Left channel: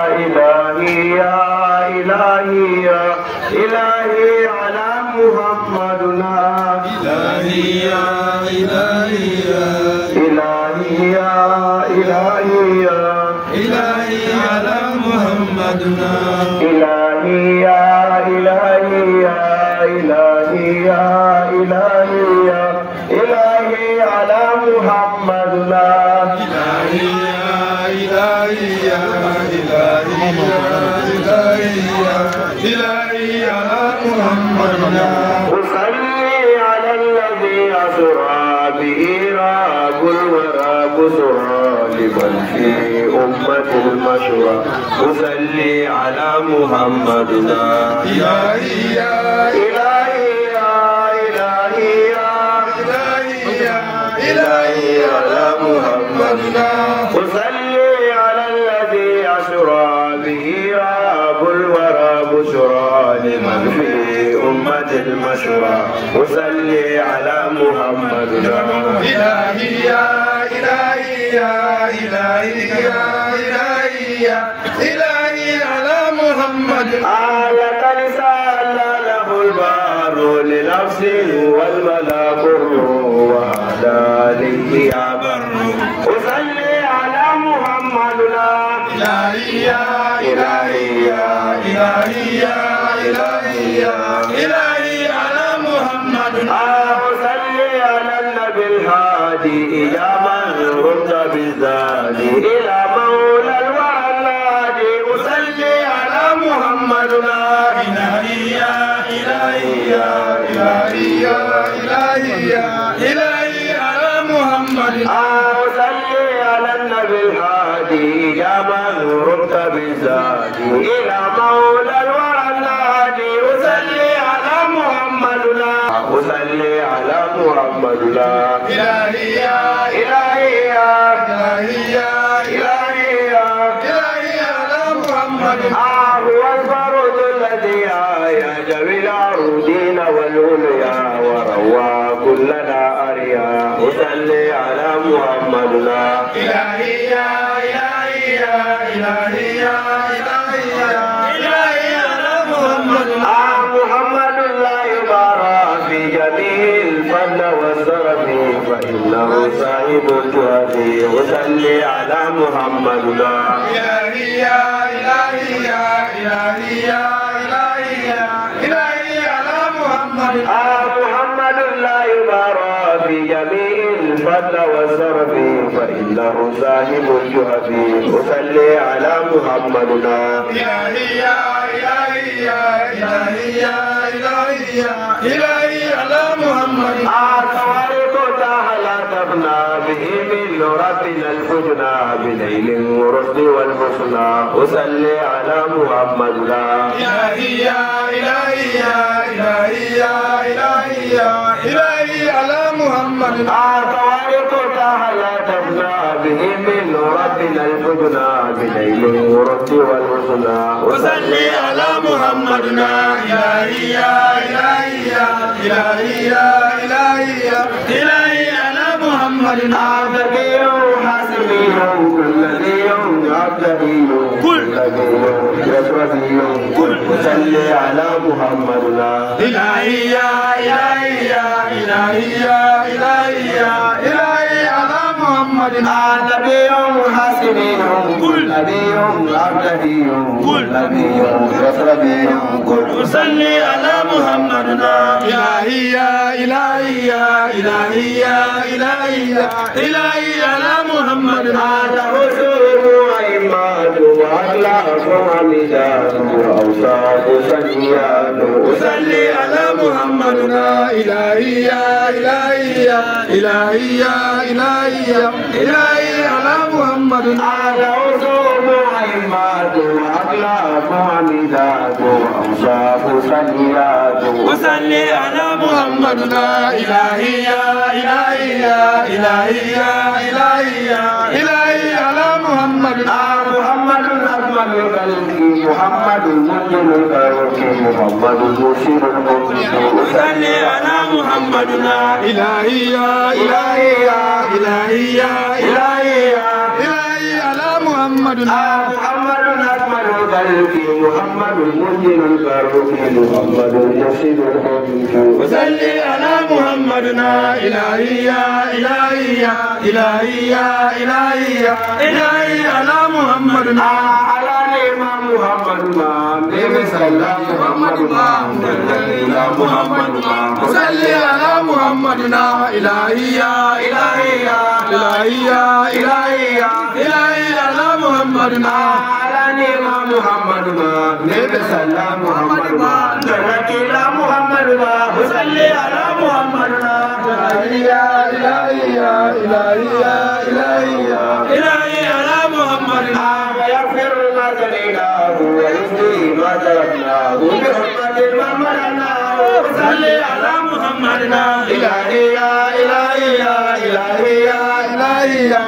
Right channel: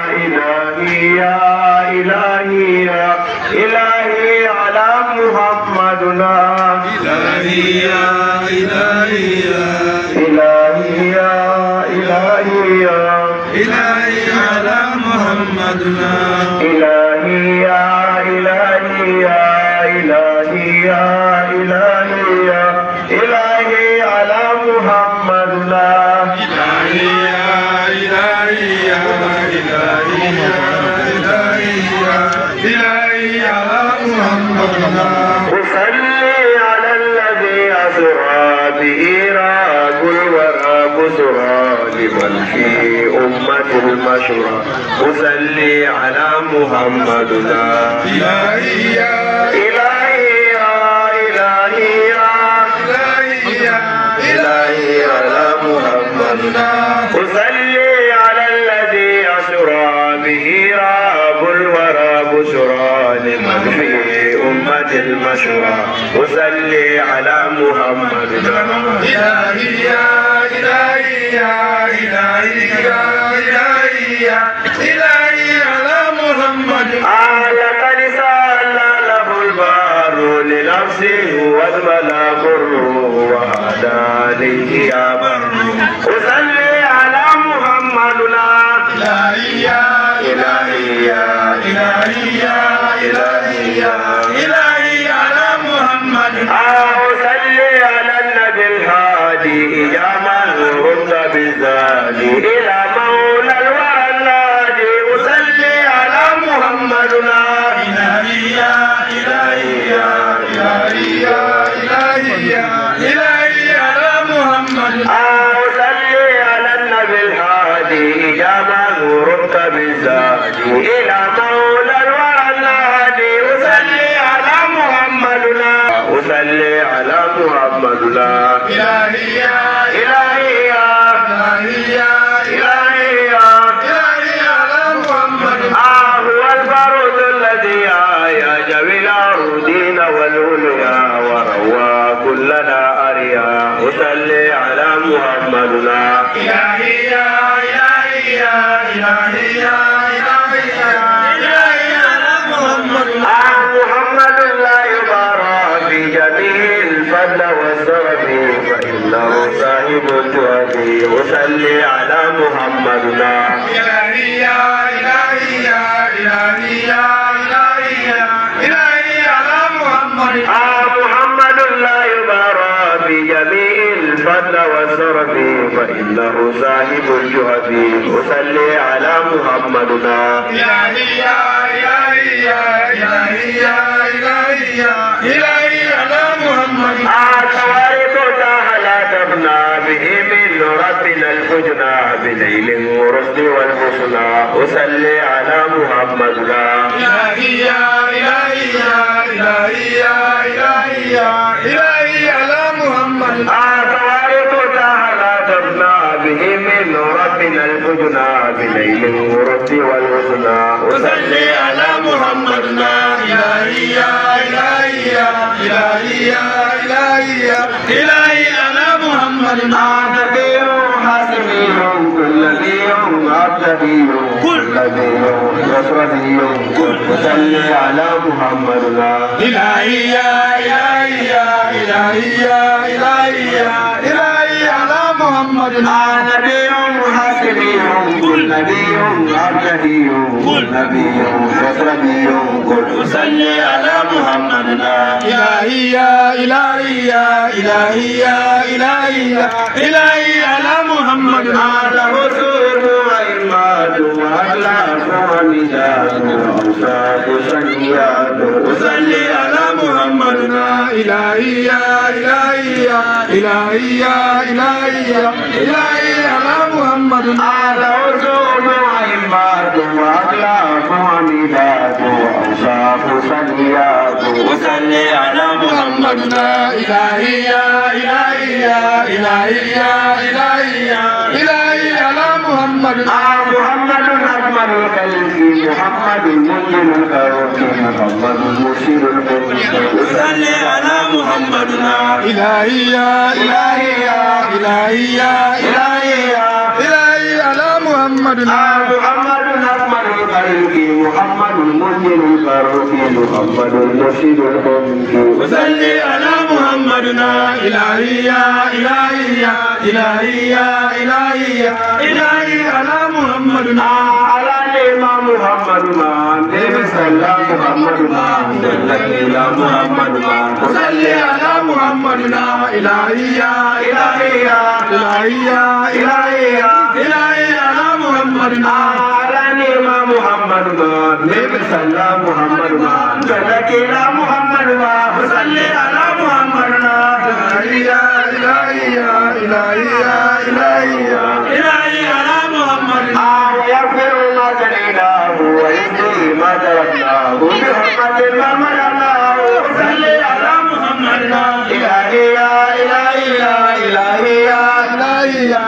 إلهي يا إلهي يا إلهي على محمدنا إلهي يا إلهي يا إلهي يا إلهي يا إلهي على محمدنا إلهي يا إلهي يا إلهي يا إلهي يا إلهي على محمدنا إلهي يا إلهي يا إلهي على محمدنا أصلي على الذي أسرى به راق الورى بسرى لمن في أمة المشرى أصلي على محمدنا إلهي يا إلهي يا إلهي يا إلهي يا إلهي على محمدنا أصلي على الذي أسرى به راب الورى بشرى لمن في أمة المشرى أصلي على محمدنا إلهي يا إلهي يا إلهي يا إلهي يا إلهي على محمد لقد سأل له البار لنفسه والملا بر وعلى عليه يا بر أصلي على محمدنا إلهي يا إلهي يا إلهي يا إلهي يا إلهي على محمد أصلي على النبي الهادي يا من رد بالزادي إلى مولى الوالادي أصلي على محمدنا إلهي يا إلهي يا إلهي يا إلهي يا إلهي على محمد أصلي على النبي الهادي يا من رد بالزادي إلى مولى الوالادي أصلي على محمدنا أصلي على محمدنا إلهي يا إلهي يا إلهي يا إلهي يا إلهي على محمد هو الفرد الذي أعيا بالأرضين والعليا وروى كلنا أريا أصلي على محمدنا إلهي يا إلهي يا إلهي يا إلهي يا إلهي على محمد محمد لا يبارى في جميع الفضل والسرف فإنه صاحب الجود أصلي على محمدنا إلهي يا إلهي يا إلهي يا إلهي يا إلهي على محمد محمد لا يبارى في جميع الفضل والسرف فإنه صاحب الجهد أصلي على محمدنا إلهي يا إلهي يا إلهي يا إلهي يا إلهي على محمد خوارق لا تبنى به من ربنا الحجنى بليل ورشد والحسنى أصلي على محمدنا إلهي يا إلهي يا إلهي يا إلهي يا إلهي على محمد خوارق لا تبنى به من ربنا الحجنى بليل ورشد والحسنى وصلي على محمدنا إلهي يا إلهي يا إلهي يا إلهي يا إلهي على محمدنا حاسبي كل ذي يوم عبدي كل ذي يوم يسرفي كل صلي على محمدنا إلهي يا إلهي يا إلهي يا إلهي يا إلهي على محمدنا نبي حاسبي كل نبي عبدي كل نبي يسرفي كل صلي على محمدنا إلهي يا إلهي يا إلهي يا إلهي يا إلهي على محمدنا له سر وإيمان وأخلاق ومزاج وأوصاف سيئات صلي على محمدنا إلهي يا إلهي يا إلهي يا إلهي يا إلهي على محمدنا له سر وإيمان وأخلاق ومزاج وأوصاف سيئات وصلي على محمدنا إلهي يا إلهي يا إلهي يا إلهي يا إلهي على محمدنا محمد أكمل الخلق محمد منزل الخلق محمد المرشد المرشد وصلي على محمدنا إلهي يا إلهي يا إلهي يا إلهي يا إلهي على محمدنا محمد خلق محمد المنزل الفاروق محمد المرشد المنكر وصلي على محمدنا إلهي يا إلهي يا إلهي يا إلهي يا إلهي على محمدنا على الإمام محمدنا النبي صلى محمدنا إلى محمدنا وصلي على محمدنا إلهي يا إلهي يا إلهي يا إلهي يا إلهي على محمدنا على الإمام محمدنا النبي صلى محمدنا إلى محمدنا وصلي على محمدنا إلهي يا إلهي يا إلهي يا إلهي يا إلهي على محمدنا ويغفر ما جنيناه ويهدي ما تركناه بحرمة ما مرناه وصلي على محمدنا إلهي يا إلهي يا إلهي يا إلهي يا